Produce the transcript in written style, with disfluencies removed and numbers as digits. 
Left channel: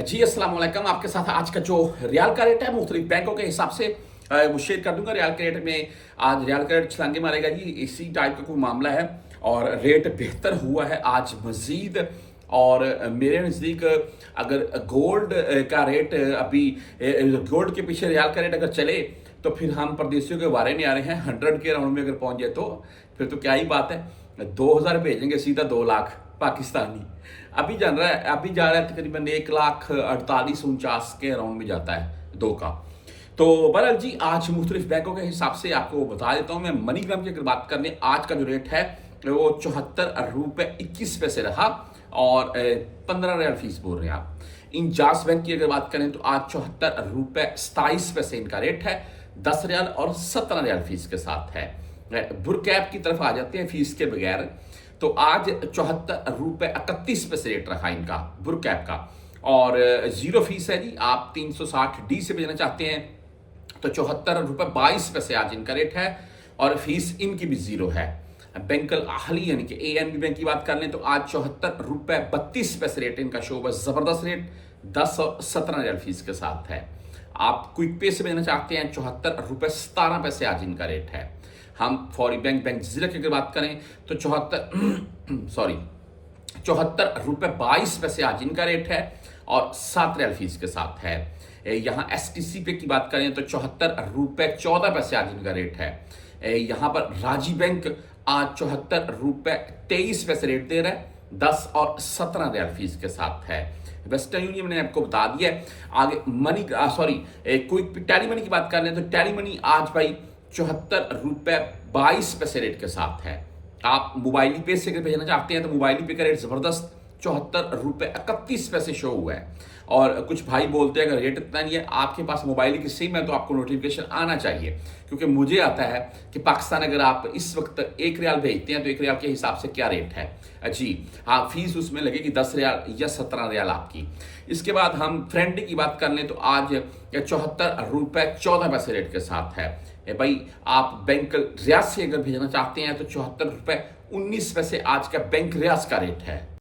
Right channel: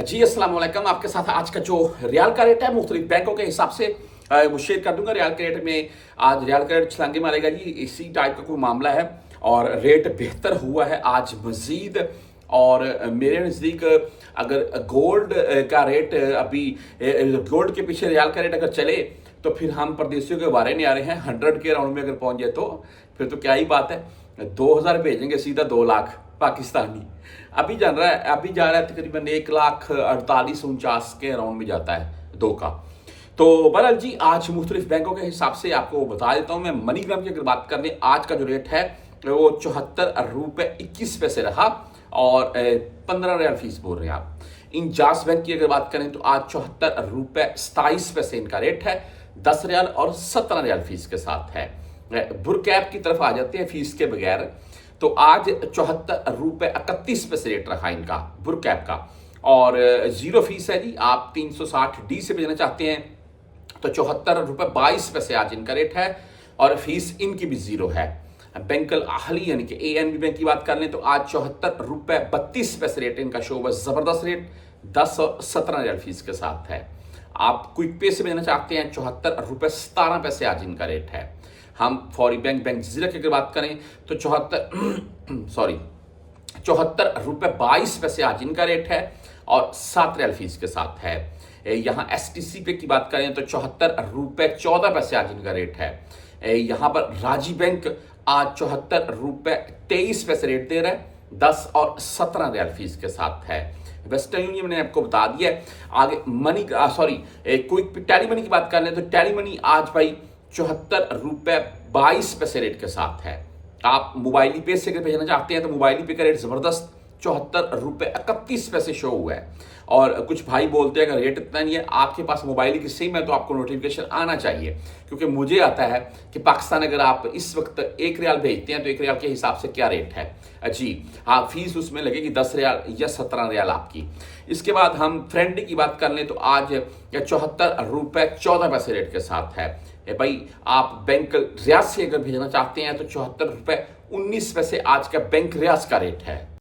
जी अस्सलाम वालेकुम। आपके साथ आज का जो रियाल का रेट है मुख्तलिफ बैंकों के हिसाब से वो शेयर कर दूंगा। रियाल के रेट में आज रियाल का रेट छलांगे मारेगा जी, इसी टाइप का कोई मामला है और रेट बेहतर हुआ है आज मजीद। और मेरे नज़दीक अगर गोल्ड का रेट अभी गोल्ड के पीछे रियाल का रेट अगर चले तो फिर हम परदेशियों के वारे नहीं आ रहे हैं। 100 के राउंड में अगर पहुंच जाए तो फिर तो क्या ही बात है, 2000 भेजेंगे सीधा 2 लाख पाकिस्तानी। अभी जा रहा है तकरीबन 1,48,49 के राउंड में जाता है 2 का। तो बहरहाल जी आज मुख्तलिफ बैंकों के हिसाब से आपको बता देता हूं। मैं मनीग्राम की अगर बात करने आज का जो रेट है वो 74 रुपये 21 पैसे रहा और 15 रियाल फीस बोल रहे हैं आप। इंजास बैंक की अगर बात करें तो आज 74 रुपये 27 पैसे इनका रेट है, 10 रियाल और 17 रियाल फीस के साथ है। बुरकैप की तरफ आ जाते हैं फीस के बगैर, तो आज 74 रुपये 31 पैसे रेट रखा इनका बुरकैप का और जीरो फीस है जी। आप 360D से भेजना चाहते हैं तो 74 रुपये 22 पैसे आज इनका रेट है और फीस इनकी भी जीरो है। बैंकल आहली यानी कि ANB बैंक की बात कर लें तो आज 74 रुपये 32 पैसे रेट इनका शो बस जबरदस्त रेट, 10 और 17 रियाल फीस के साथ है। आप क्विक पे से भेजना चाहते हैं 74 रुपये 17 पैसे आज इनका रेट है। हम फौरी बैंक जजीरा की अगर बात करें तो 74 रुपये 22 पैसे आज इनका रेट है और 7 रियाल फीस के साथ है। यहाँ STC पे की बात करें तो 74 रुपये 14 पैसे आज इनका रेट है। यहाँ पर राजी बैंक आज 74 रुपये 23 पैसे रेट दे रहा है, 10 और 17 रियाल फीस के साथ है। वेस्टर्न यूनियन मैंने आपको बता दिया है। आगे मनी क्विक टेली मनी की बात कर लें तो टेली मनी आज भाई 74 रुपये 22 पैसे रेट के साथ है। आप मोबाइल पे से भेजना चाहते हैं तो मोबाइल पे का रेट जबरदस्त 74 रुपये 31 पैसे शो हुआ है। और कुछ भाई बोलते हैं अगर रेट इतना नहीं है आपके पास मोबाइल की सिम है तो आपको नोटिफिकेशन आना चाहिए, क्योंकि मुझे आता है कि पाकिस्तान अगर आप इस वक्त 1 रियाल भेजते हैं तो 1 रियाल के हिसाब से क्या रेट है जी। हाँ, फीस उसमें लगेगी 10 रियाल या 17 रियाल आपकी। इसके बाद हम फ्रेंड की बात कर लें तो आज 74 रुपये 14 पैसे रेट के साथ है। भाई आप बैंक रियाज से अगर भेजना चाहते हैं तो 74 रुपये 19 पैसे आज का बैंक रियाज का रेट है।